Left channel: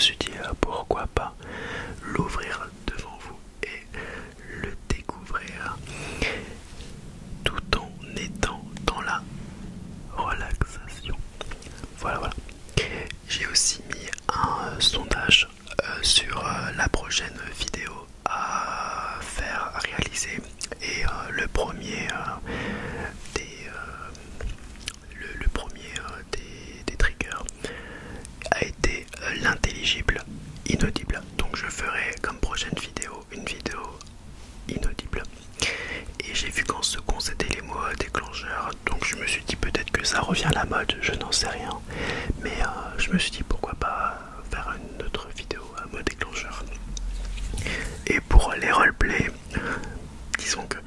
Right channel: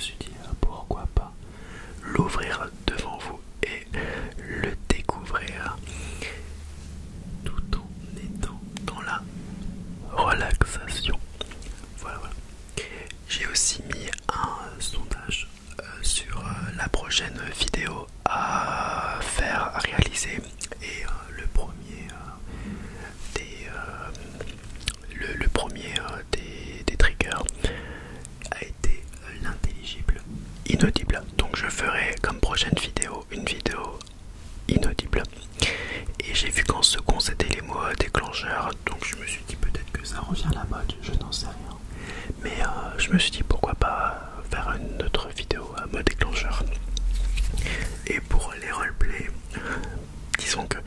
suis dit pourquoi pas l'ouvrir devant vous et le découvrir tout en étant dans la relaxation. Voilà, voilà. J'ai aussi mis un sondage sur la prochaine vidéo à faire, à réaliser, et le premier des triggers a été l'intelligible inaudible. Donc je ferai comme prochaine vidéo une vidéo inaudible. Et j'ai vu qu'en second c'était les mots déclencheurs, donc je me suis dit peut-être que ça revient à la mode, je n'en sais rien. Mais je me suis dit pourquoi pas faire une autre vidéo à mot déclencheur. Et pour les roleplays, disons que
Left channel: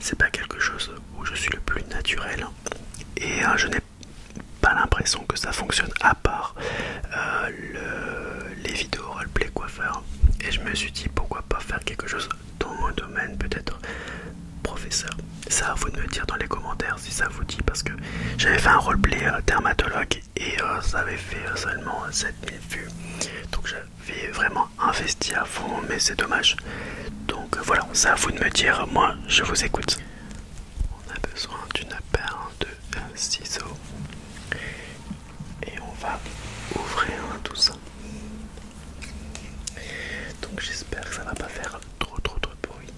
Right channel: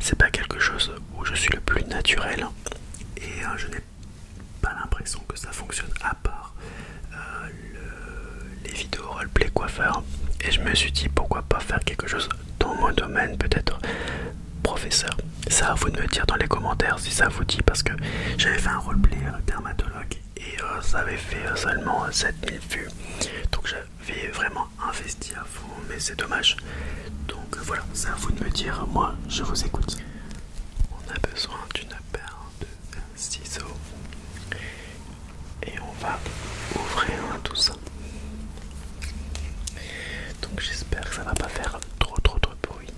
c'est pas quelque chose où je suis le plus naturel, et je n'ai pas l'impression que ça fonctionne à part les vidéos roleplay coiffeur. Et je me suis dit pourquoi pas faire quelque chose dans mon domaine, peut-être professeur. Ça à vous de me dire dans les commentaires si ça vous dit, parce que j'avais fait un roleplay dermatologue et ça avait fait seulement 7000 vues, donc j'avais vraiment investi à fond, mais c'est dommage. Donc voilà, ça à vous de me dire, moi je vous écoute. On a besoin d'une paire de ciseaux et on va ouvrir tout ça. Donc j'espère que ça va pas faire trop de bruit.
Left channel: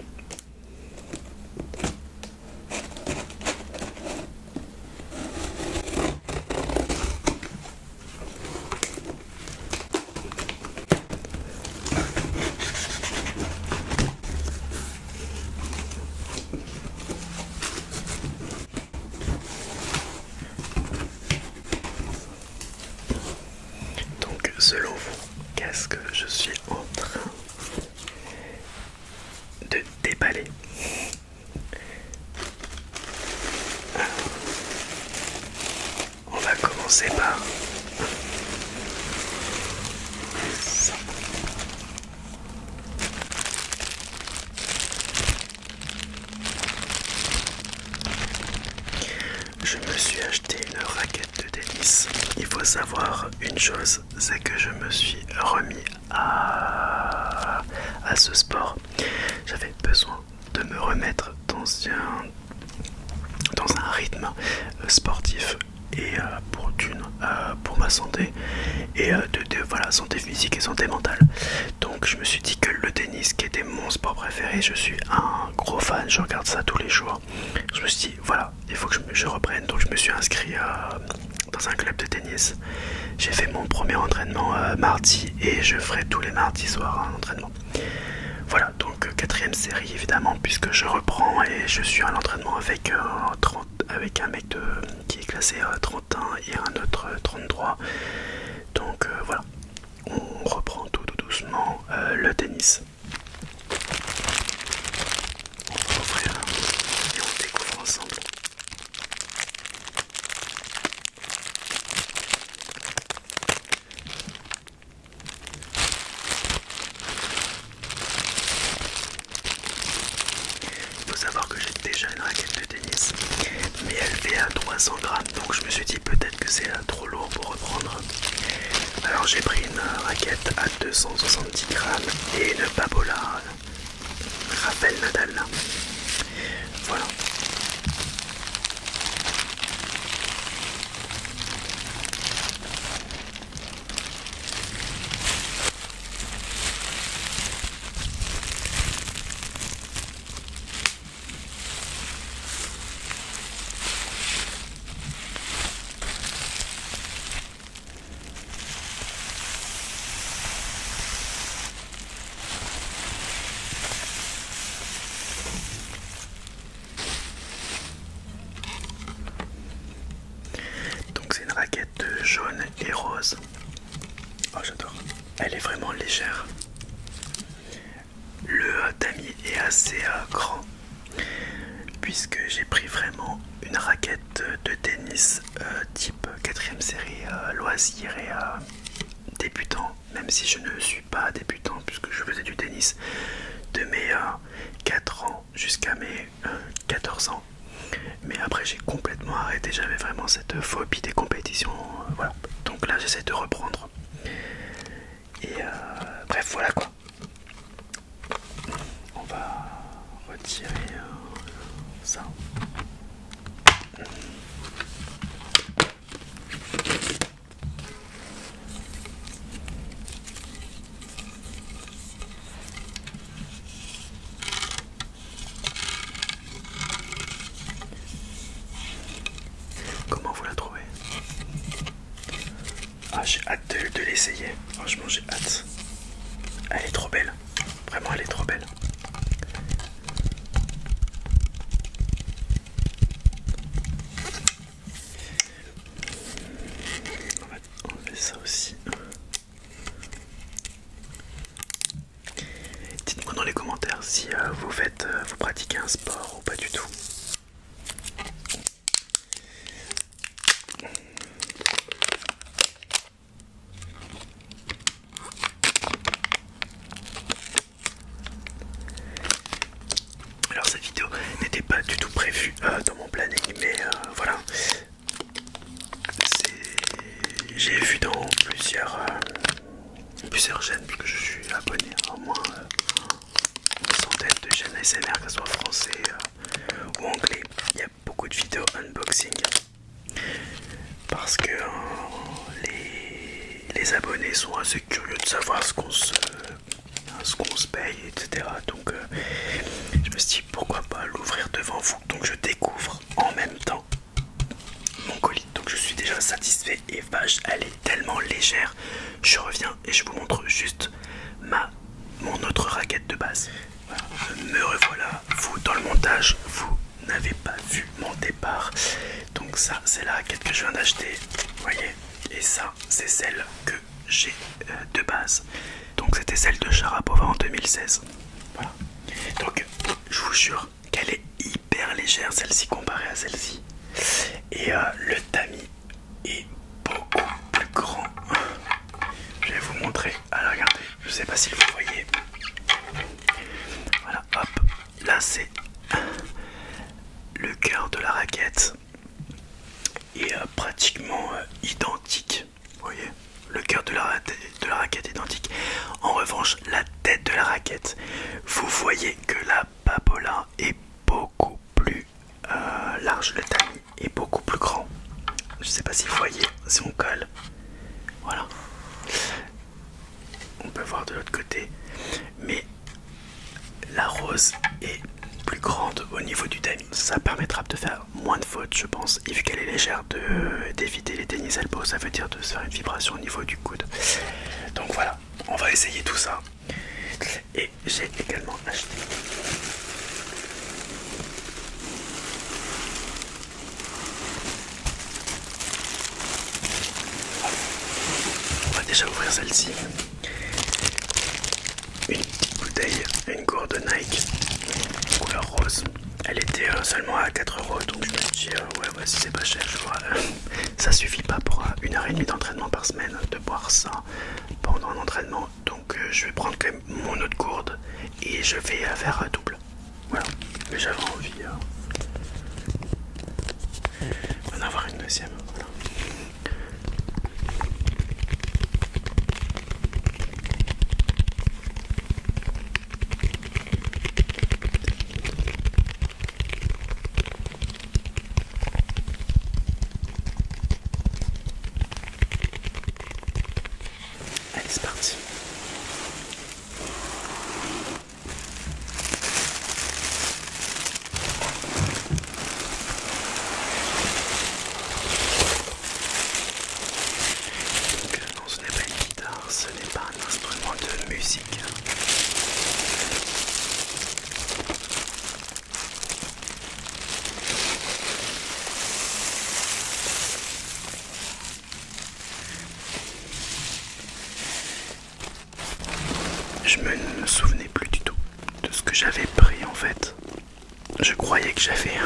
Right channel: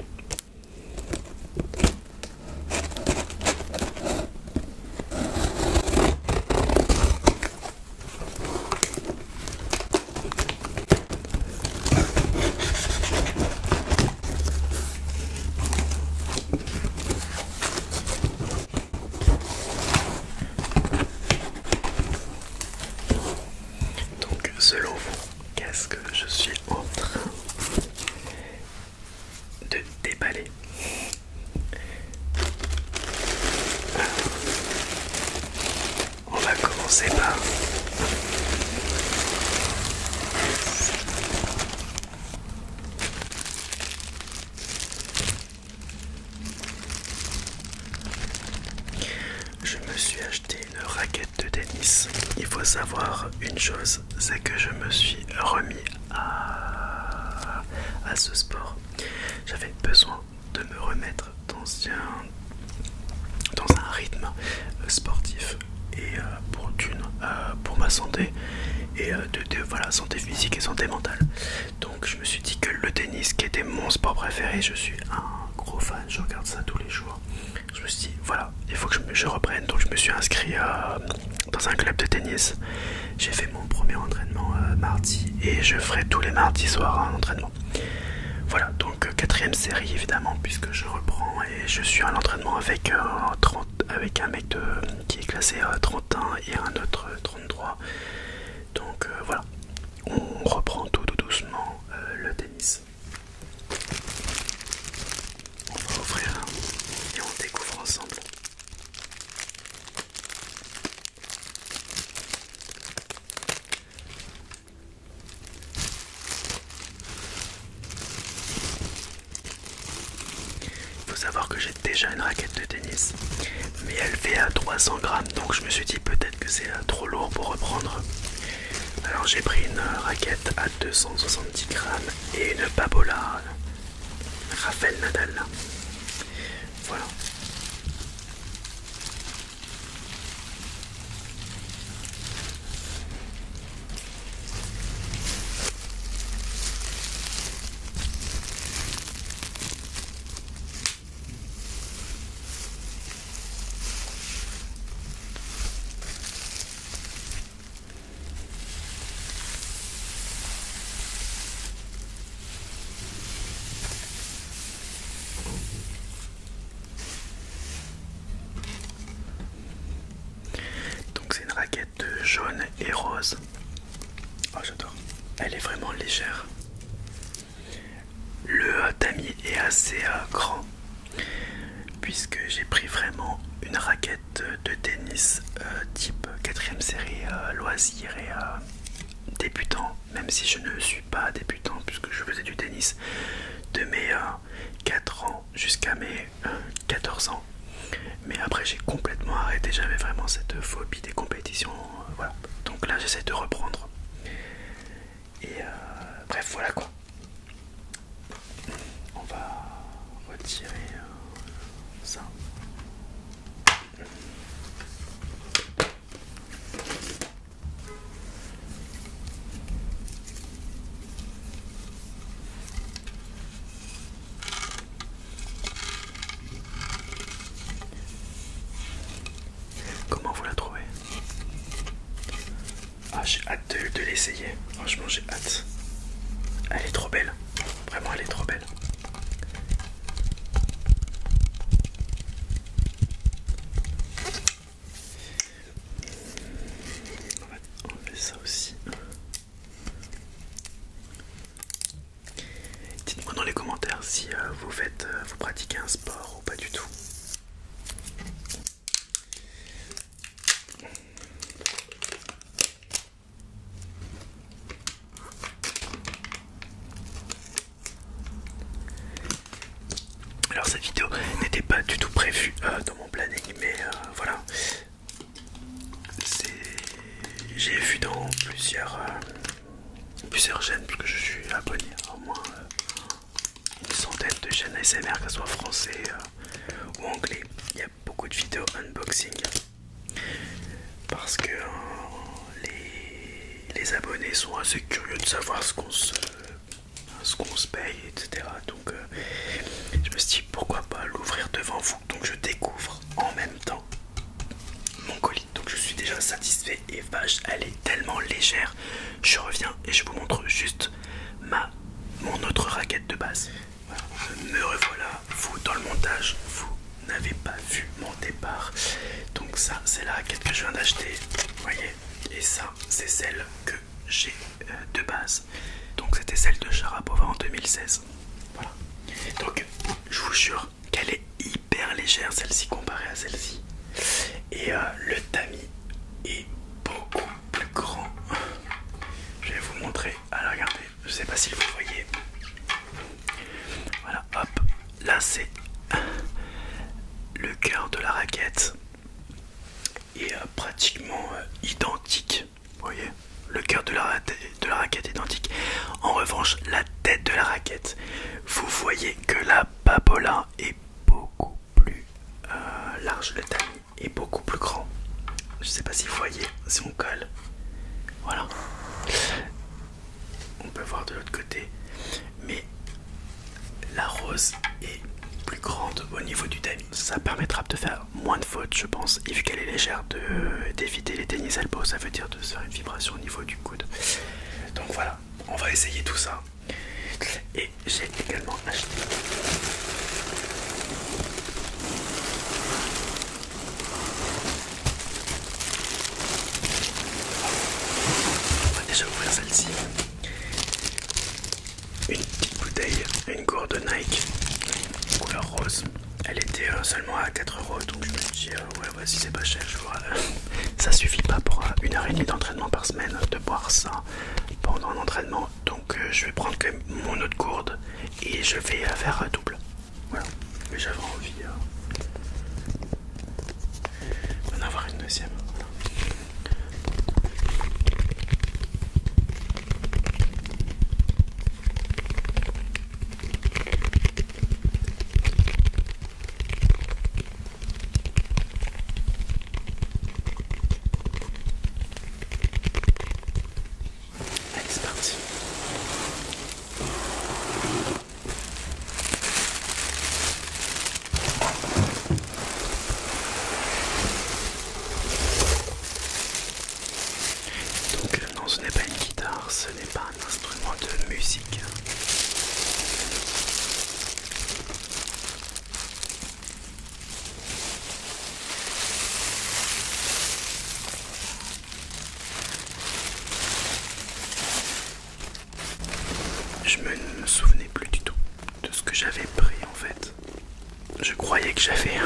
Donc selon vous, qu'est-ce que je suis en train de déballer? On va commencer par je me suis acheté une raquette de tennis. Il faut savoir une chose, c'est que je me suis remis à ce sport. J'avais besoin de me remettre dans un rythme sportif, et pour ma santé, et voilà, santé physique et santé mentale. Donc je me suis dit que le tennis, qui était mon sport préféré, je suis un gros fan, je regarde ça tous les jours. Je me suis dit voilà, il faut que je reprenne. Donc je me suis inscrit dans un club de tennis. J'ai fait mon premier entraînement mardi, et je ferai tous les mardis soirs un entraînement. Voilà, donc quatrième série évidemment, puisque je reprends, et je suis à l'entraînement avec un mec qui est classé 31 et un autre 33. Donc voilà, on reprend tout doucement le tennis. On va ouvrir et on découvre ensemble. Il faut savoir que j'ai déjà une raquette de tennis, mais elle fait à 300 grammes, donc je me suis dit peut-être que c'est trop lourd pour reprendre. Alors j'ai pris une raquette à 270 grammes et une Babola Rafael Nadal. Voilà. Raquette jaune et rose. Oh, j'adore. Elle est vraiment légère. Le tamis est assez grand, puisque j'ai pris vraiment une raquette de tennis type 4ème série loisir et débutant, même si je ne suis pas débutant puisque je faisais du tennis de mes 4 ans jusqu'à mes 14 ans. Mais après j'ai complètement arrêté, j'avais vraiment cette phobie des compétitions, voilà. Donc là j'essaie de reprendre. Et Franchement j'ai hâte. Elle est trop belle. Vraiment elle est trop belle. On va enlever ça aussi. Dites-moi dans les commentaires si vous pratiquez un sport ou pas du tout. Alors cette vidéo n'était pas du tout prévue dans mon planning, mais voilà. J'ai vu dans plusieurs chaînes, parce que je suis abonné à au moins une centaine de chaînes ASMR, que ce soit français ou anglais. Il y a beaucoup de vidéos unboxing parce que les abonnés sont assez curieux de savoir ce qu'on se paye, etc. Donc je me suis dit pourquoi pas l'ouvrir devant vous. Donc je découvre en même temps mon colis. Donc je suis déjà satisfait et vache, elle est tellement légère. Je reviens et je vous montre juste mon autre raquette de base. Voilà. Me revoilà, vous dans le montage, vous n'avez pas vu mon départ. Donc ça c'est la raquette que je viens d'acheter, vous voyez. Et ça c'est celle que j'ai de base. Donc c'était celle de Sharapova en 2016. Voilà. Donc je vous jure qu'elle est hyper légère celle-ci comparée à celle-ci. Et le tamis est beaucoup plus grand. Je vais vous montrer. Alors regardez, je sais pas si vous voyez. Voilà, hop. Là c'est le cœur de la raquette. Et pratiquement identique. Vous voyez, le cœur de la raquette est identique. En revanche, la tête de la raquette, vous voyez que la papola est beaucoup plus large, le tamis est beaucoup plus grand. Je sais pas si vous voyez, si on colle, voilà. On peut voir de l'autre côté, mais la rose est plus grande au niveau du tamis. Ça permettra de faire moins de fautes, je pense, et vu qu'elle est légère, d'éviter les tennis elbows, ça veut dire de se faire une vibration au niveau du coude. Donc voilà, on va essayer tout ça. Et j'ai également acheté on va déjà ouvrir celle-ci. Une petite bouteille, une gourde Nike couleur rose. Elle était seulement à 4 €, donc je me suis dit ouais si c'est pas cher, je vois, ça suffit pas pour 1h30 d'entraînement par semaine de boire ça pendant un entraînement. Donc je vais prendre quand même mon autre gourde et je vais faire double. Voilà, mais j'avais envie d'en avoir une deuxième. Voilà. Allez, c'est parti. Donc non, ce n'est pas une guitare, ce n'est pas un instrument de musique. Je me souvenais plus du tout de ce que j'avais pris en fait. Je croyais que j'avais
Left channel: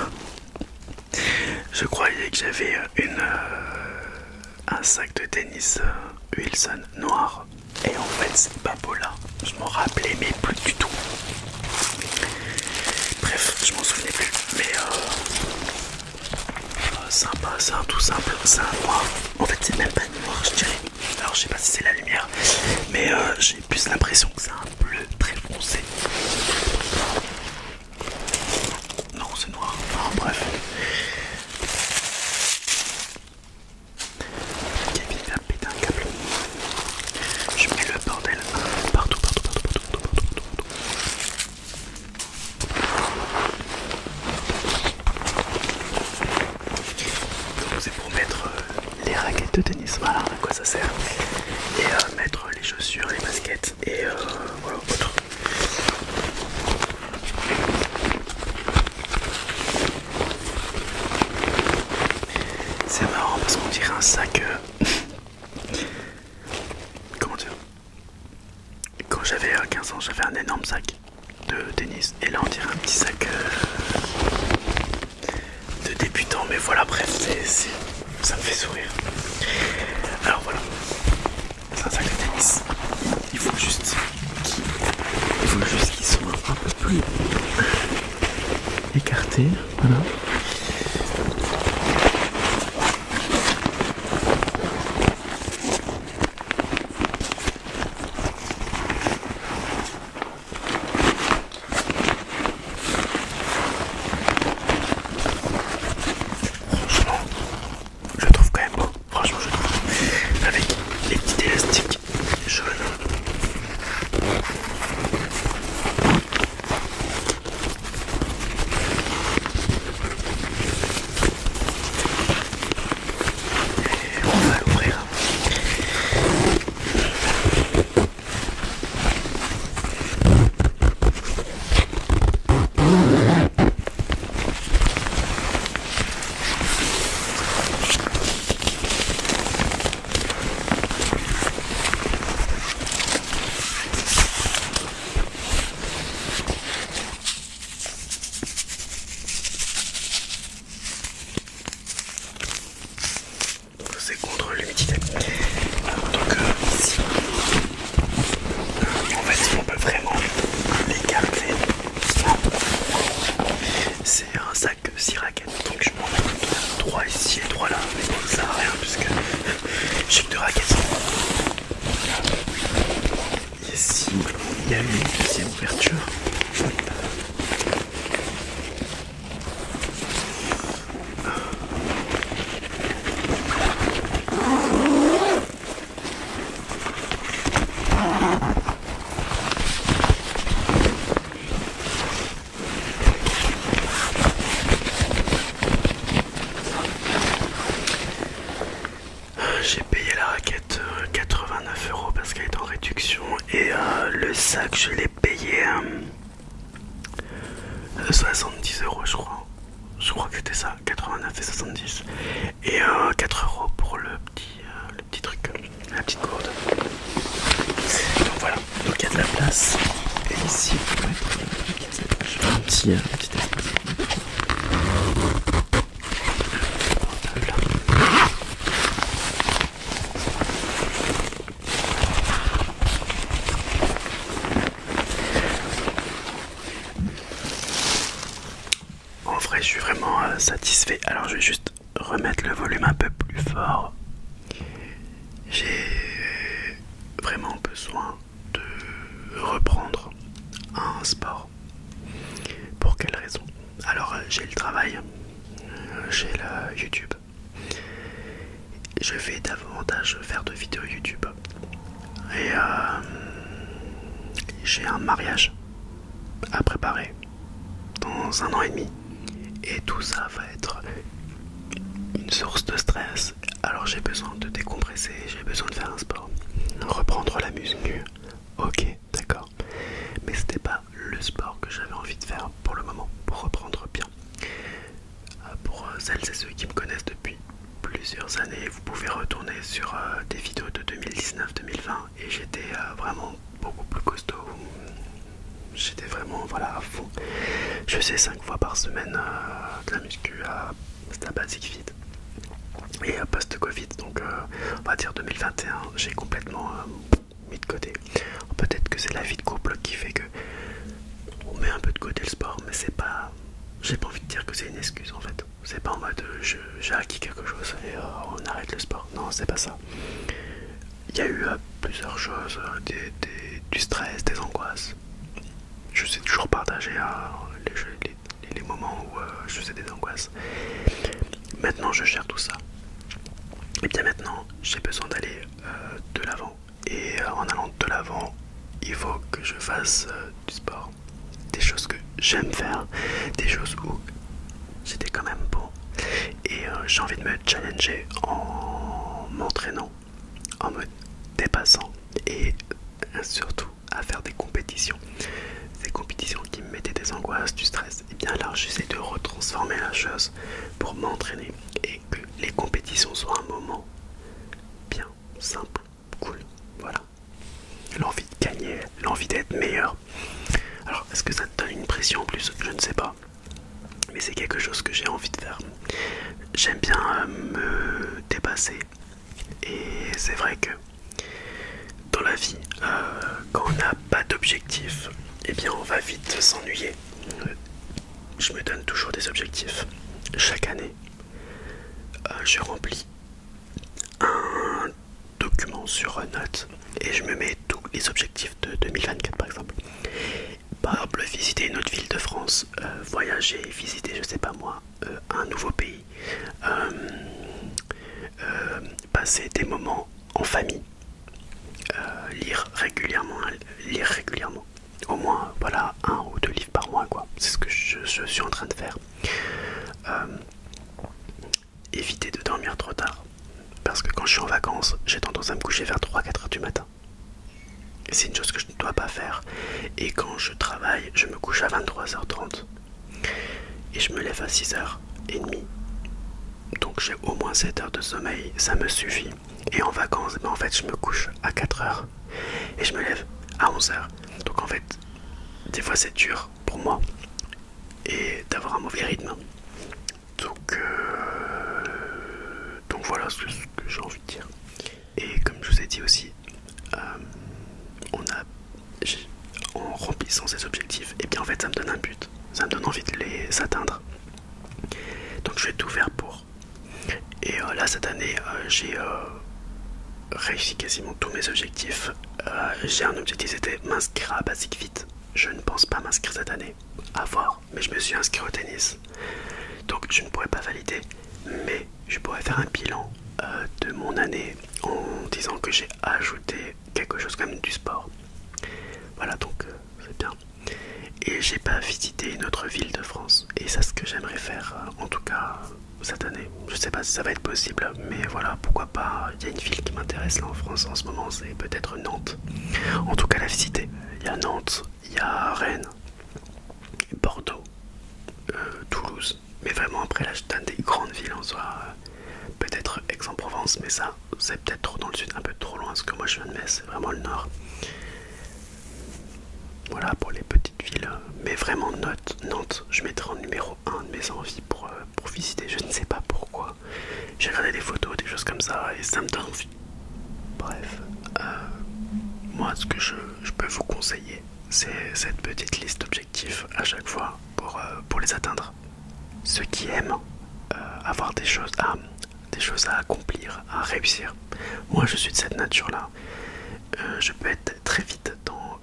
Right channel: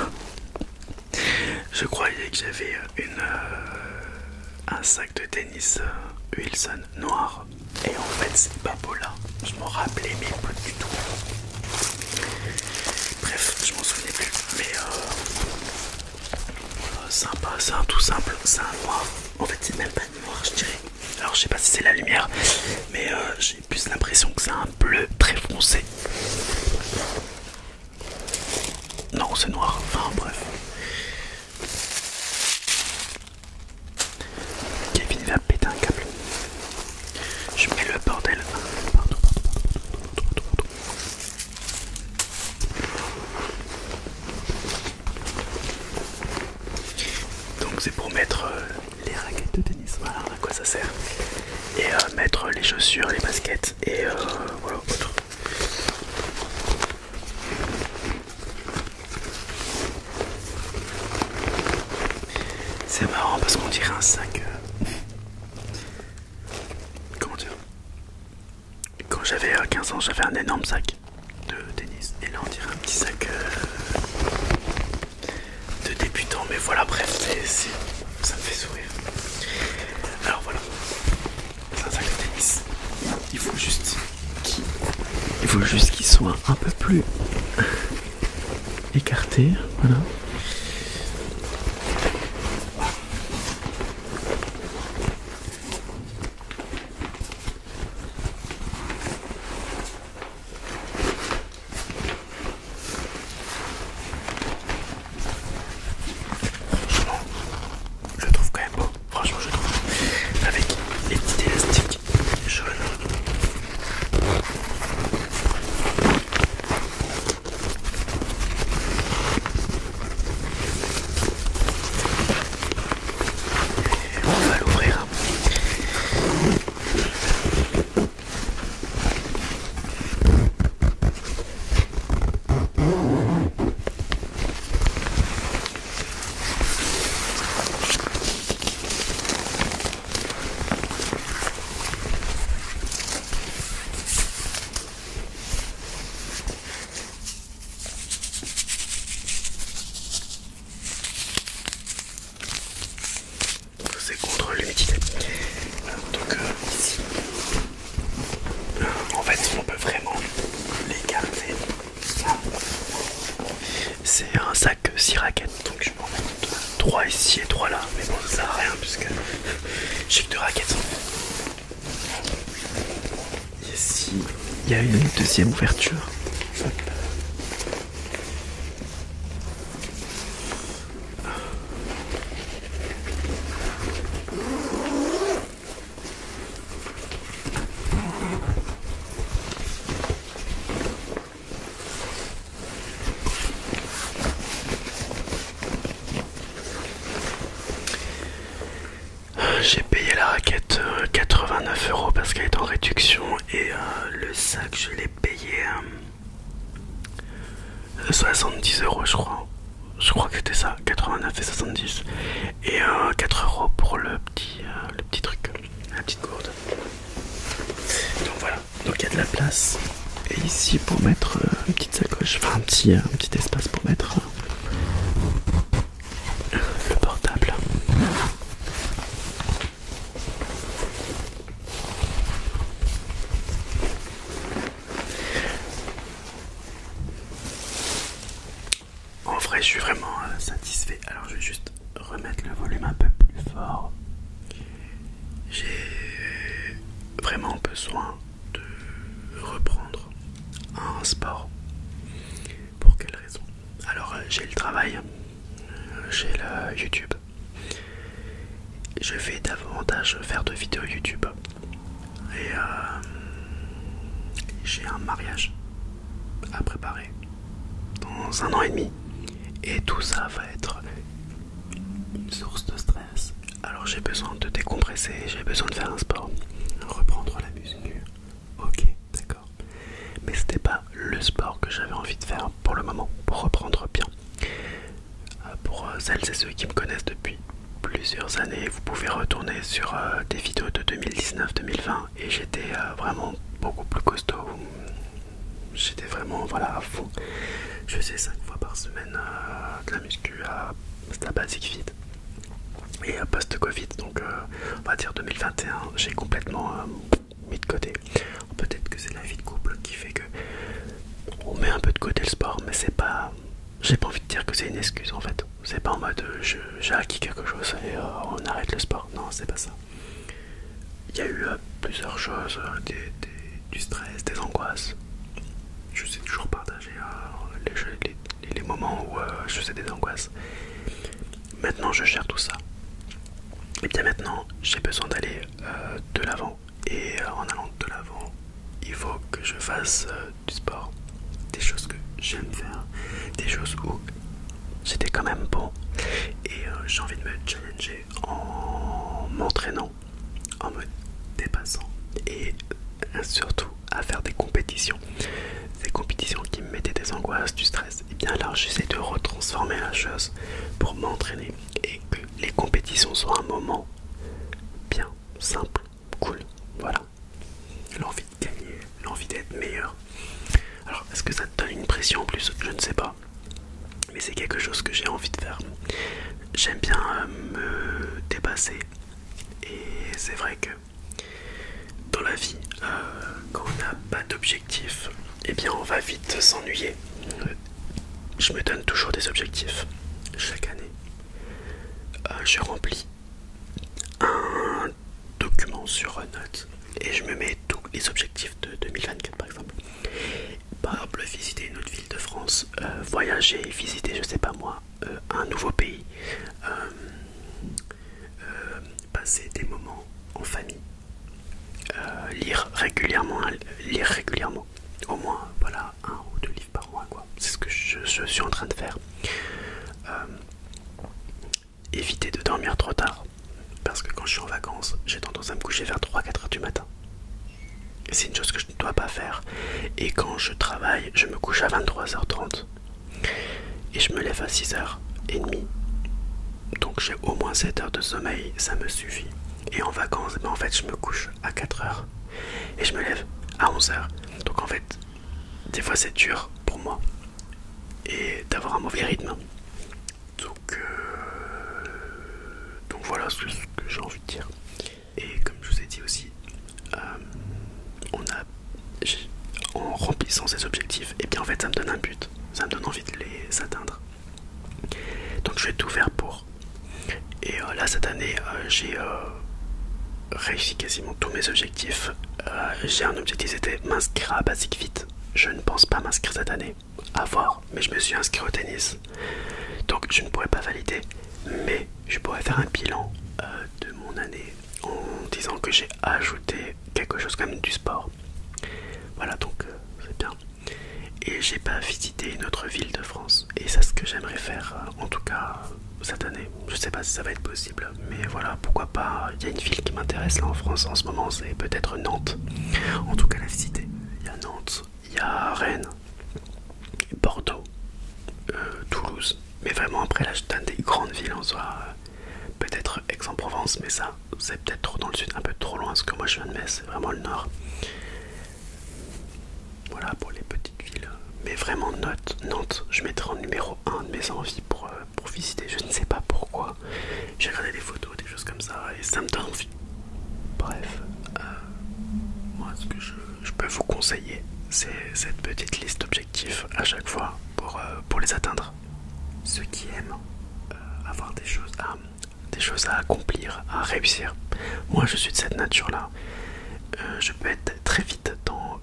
un sac de tennis Wilson noir. Et en fait c'est pas Papola. Je m'en rappelais mais plus du tout. Bref, je m'en souvenais plus. Mais sympa, c'est un tout simple, c'est un noir. En fait c'est même pas noir je dirais. Alors je sais pas si c'est la lumière, mais j'ai plus l'impression que c'est un bleu très foncé. Non, c'est noir. Enfin bref. Kevin va péter un câble. Je mets le bordel partout. Donc c'est pour mettre les raquettes de tennis. Voilà à quoi ça sert. Et mettre les chaussures, les baskets et voilà autre. C'est marrant parce qu'on dirait un sac. Comment dire? Quand j'avais 15 ans, j'avais un énorme sac de tennis. Et là, on dirait un petit sac de débutant. Mais voilà, bref, ça me fait sourire. Alors voilà, c'est un sac de tennis. Il faut juste qu'il soit un peu plus écarté. Voilà. Je le trouve quand même beau, franchement je trouve, avec les petits élastiques jaunes. Et on va l'ouvrir. C'est contre l'humidité. Donc ici, en fait, on peut vraiment l'écarter. C'est un sac 6 raquettes, donc je peux en mettre 3 ici et 3 là. Mais bon, ça sert à rien puisque j'ai que 2 raquettes. Ici, il y a une deuxième ouverture. J'ai payé la raquette 89 € parce qu'elle est en réduction et le sac je l'ai payé 70 € je crois. Je crois que c'était ça, 89 et 70. Et 4 € pour le petit truc, la petite gourde. Donc voilà, donc il y a de la place. Et ici pour mettre une petite sacoche, enfin un petit espace pour mettre le portable. En vrai, je suis vraiment satisfait. Alors, je vais juste remettre le volume un peu plus fort. J'ai vraiment besoin de reprendre un sport. Pour quelle raison? Alors, j'ai le travail, j'ai le YouTube. Je vais davantage faire de vidéos YouTube. Et j'ai un mariage à préparer dans 1 an et demi. Et tout ça va être une source de stress. Alors j'ai besoin de décompresser, j'ai besoin de faire un sport. Reprendre la muscu, ok, d'accord. Mais c'était pas le sport que j'avais envie de faire pour le moment, pour reprendre bien. Pour celles et ceux qui me connaissent depuis plusieurs années, vous pouvez retourner sur des vidéos de 2019-2020 et j'étais vraiment beaucoup plus costaud. J'étais vraiment voilà à fond. Je faisais 5 fois par semaine de la muscu à la Basic Fit. Et post-Covid, donc on va dire 2021, j'ai complètement mis de côté. Peut-être que c'est la vie de couple qui fait que on met un peu de côté le sport, mais c'est pas. J'ai pas envie de dire que c'est une excuse en fait. C'est pas en mode j'ai acquis quelque chose et on arrête le sport. Non, c'est pas ça. Il y a eu plusieurs choses, du stress, des angoisses. Je sais toujours partager les moments où je faisais des angoisses. Maintenant, je gère tout ça. Et bien maintenant, j'ai besoin d'aller de l'avant. Et en allant de l'avant, il faut que je fasse du sport. Des choses que j'aime faire. Des choses où j'étais quand même bon. Et j'ai envie de me challenger en m'entraînant, en me dépassant. et surtout à faire des compétitions. Ces compétitions qui me mettaient des angoisses, du stress, et bien là j'essaie de retransformer la chose pour m'entraîner et que les compétitions soient un moment bien, simple, cool, voilà. L'envie de gagner, l'envie d'être meilleur. Alors est-ce que ça te donne une pression en plus? Je ne sais pas, mais c'est quelque chose que j'ai envie de faire. J'aime bien me dépasser et c'est vrai que dans la vie, quand on n'a pas d'objectif, eh bien on va vite s'ennuyer. Je me donne toujours des objectifs. Chaque année, je remplis un document sur Note et je me mets tous les objectifs de 2024 par exemple. Par exemple, visiter une autre ville de France, voyager, visiter, je sais pas moi, un nouveau pays, passer des moments en famille, lire régulièrement, au moins voilà 1 ou 2 livres par mois quoi. C'est ce que je suis en train de faire. Éviter de dormir trop tard, parce que quand je suis en vacances, j'ai tendance à me coucher vers 3-4 heures du matin. C'est une chose que je ne dois pas faire. Et quand je travaille, je me couche à 23h30 et je me lève à 6h30. Donc j'ai au moins 7 heures de sommeil, ça me suffit. Et en vacances, en fait je me couche à 4h et je me lève à 11h. Donc en fait, des fois c'est dur pour moi et d'avoir un mauvais rythme. Donc voilà ce que j'ai envie de dire. Et comme je vous ai dit aussi, en remplissant ces objectifs, et bien en fait ça me donne un but, ça me donne envie de les atteindre. Donc je vais tout faire pour. Et là cette année j'ai réussi quasiment tous mes objectifs. J'ai un objectif, c'était m'inscrire à Basic Fit. Je ne pense pas m'inscrire cette année, à voir, mais je me suis inscrit au tennis. Donc je ne pourrais pas valider, mais je pourrais faire un bilan de mon année en disant que j'ai ajouté quelque chose comme du sport. Voilà, donc c'est bien. Et j'ai pas visité une autre ville de France. Et c'est ce que j'aimerais faire, en tout cas cette année. Je sais pas si ça va être possible, mais voilà, pourquoi pas. Il y a une ville qui m'intéresse là en France en ce moment, c'est peut-être Nantes. En tout cas la visiter. Il y a Nantes, il y a Rennes, Bordeaux, Toulouse. Mais vraiment après là je donne des grandes villes en soi. Peut-être Aix-en-Provence, mais ça c'est peut-être trop dans le sud, un peu trop loin, parce que moi je viens de Metz, c'est vraiment le nord. Voilà pour les petites villes, mais vraiment Nantes, je mettrai en numéro 1 de mes envies pour visiter, je ne sais pas pourquoi. J'ai regardé des photos, des choses comme ça, et ça me donne envie. Bref, moi ce que je peux vous conseiller, c'est cette petite liste d'objectifs à chaque fois pour les atteindre. Ceux qui aiment avoir des choses à accomplir, à réussir. Moi je suis de cette nature-là. Je peux être très vite dans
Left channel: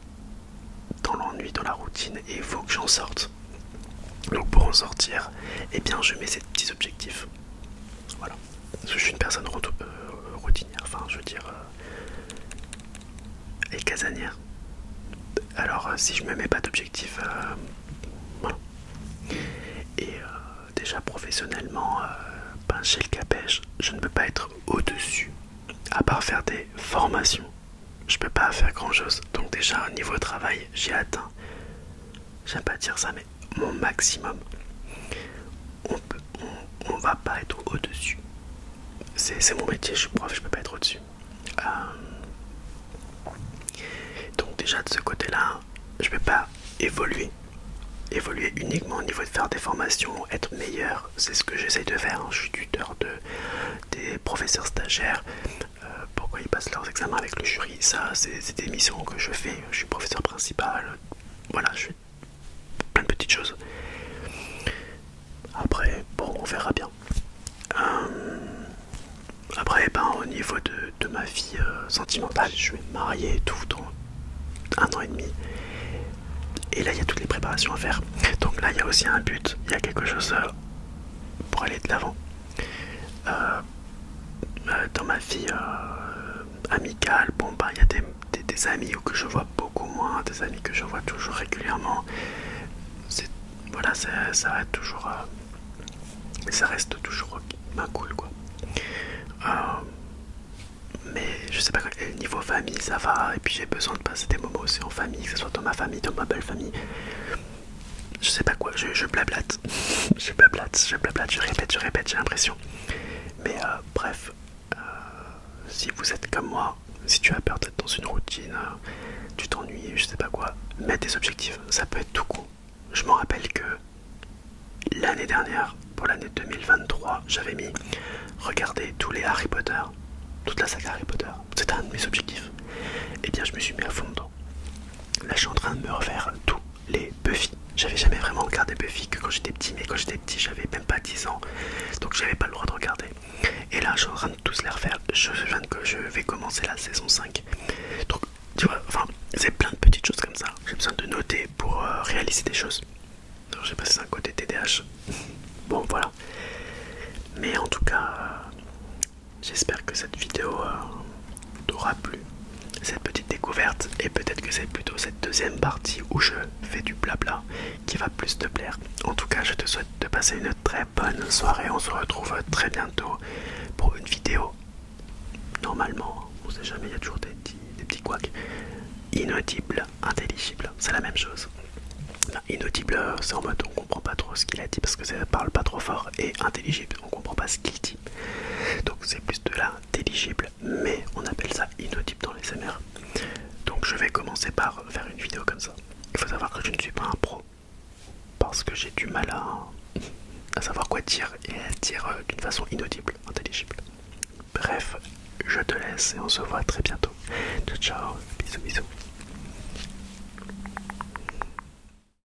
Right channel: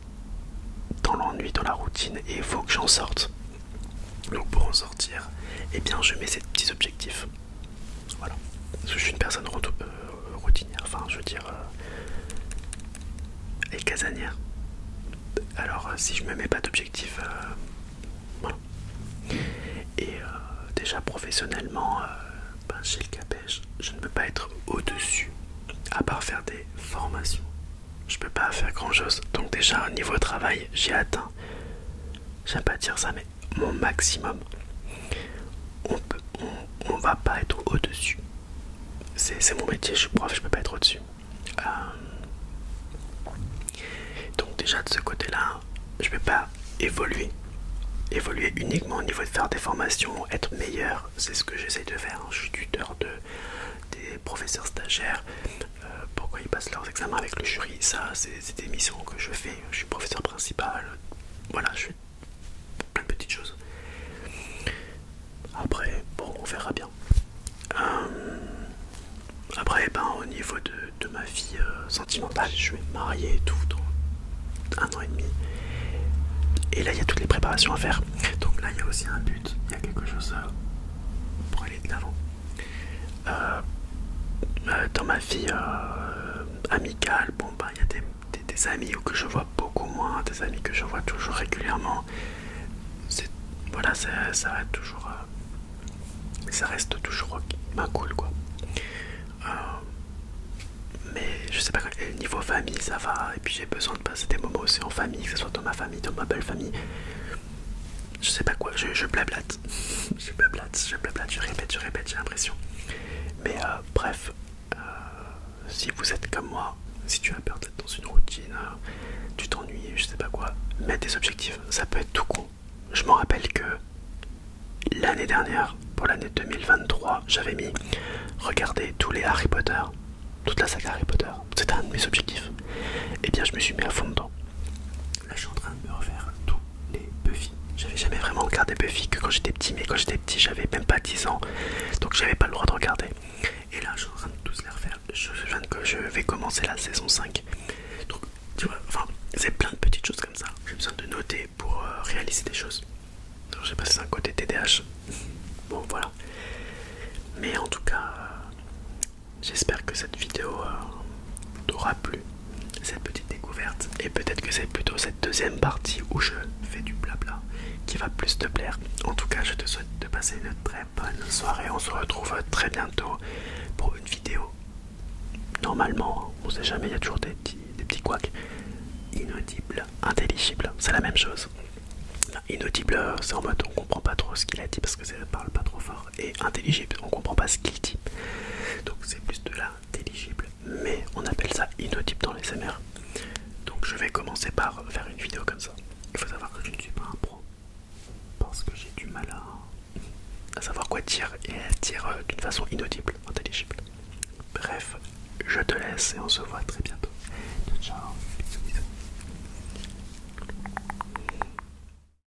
l'ennui, dans la routine, et il faut que j'en sorte. Donc pour en sortir, eh bien je mets ces petits objectifs. Voilà. Parce que je suis une personne routinière, enfin je veux dire et casanière. Alors si je me mets pas d'objectif, voilà. Et déjà professionnellement, chez le Capège, je ne peux pas être au-dessus, à part faire des formations. Je peux pas faire grand chose. Donc déjà au niveau travail, j'ai atteint, j'aime pas dire ça, mais mon maximum. On va pas être au-dessus. C'est mon métier, je suis prof, je peux pas être au-dessus. Donc déjà de ce côté-là, je peux pas évoluer uniquement au niveau de faire des formations, être meilleur. C'est ce que j'essaye de faire, hein. Je suis tuteur des professeurs stagiaires. Pourquoi ils passent leurs examens avec le jury, ça c'est des missions que je fais. Je suis professeur principal, voilà, je fais plein de petites choses. Après bon, on verra bien. Après au niveau de ma vie sentimentale, je vais me marier et tout dans 1 an et demi. Et là il y a toutes les préparations à faire. Donc là il y a aussi un but, il y a quelque chose pour aller de l'avant. Dans ma vie amicale, bon il y a des amis que je vois beaucoup moins, des amis que je vois toujours régulièrement. Voilà, ça reste toujours cool quoi. mais je sais pas, niveau famille ça va, et puis j'ai besoin de passer des moments aussi en famille, que ce soit dans ma famille, dans ma belle famille. Je sais pas quoi, je blablate, je blablate, je répète, j'ai l'impression. Mais bref, si vous êtes comme moi, si tu as peur d'être dans une routine, tu t'ennuies, je sais pas quoi, mets des objectifs, ça peut être tout con. Je me rappelle que l'année dernière, pour l'année 2023, j'avais mis regarder tous les Harry Potter, toute la saga Harry Potter, c'était un de mes objectifs. Et bien je me suis mis à fond dedans. Là je suis en train de me refaire tous les Buffy. J'avais jamais vraiment regardé Buffy que quand j'étais petit, mais quand j'étais petit j'avais même pas 10 ans, donc j'avais pas le droit de regarder. Et là je suis en train de tous les refaire, je viens que je vais commencer la saison 5. Donc tu vois, enfin c'est plein de petites choses comme ça, j'ai besoin de noter pour réaliser des choses. Alors, je sais pas si c'est un côté TDAH, bon voilà. Mais en tout cas, j'espère que cette vidéo t'aura plu, cette petite découverte, et peut-être que c'est plutôt cette deuxième partie où je fais du blabla qui va plus te plaire. En tout cas, je te souhaite de passer une très bonne soirée. On se retrouve très bientôt pour une vidéo. Normalement, on sait jamais, il y a toujours des petits couacs. Inaudible, intelligible, c'est la même chose. Enfin, inaudible, c'est en mode on comprend pas trop ce qu'il a dit parce que ça parle pas trop fort, et intelligible, on comprend pas ce qu'il dit. Donc c'est plus de l'intelligible, mais on appelle ça inaudible dans les SMR. Donc je vais commencer par faire une vidéo comme ça. Il faut savoir que je ne suis pas un pro parce que j'ai du mal à savoir quoi dire et à dire d'une façon inaudible, intelligible. Bref, je te laisse et on se voit très bientôt. Ciao, ciao, bisous bisous.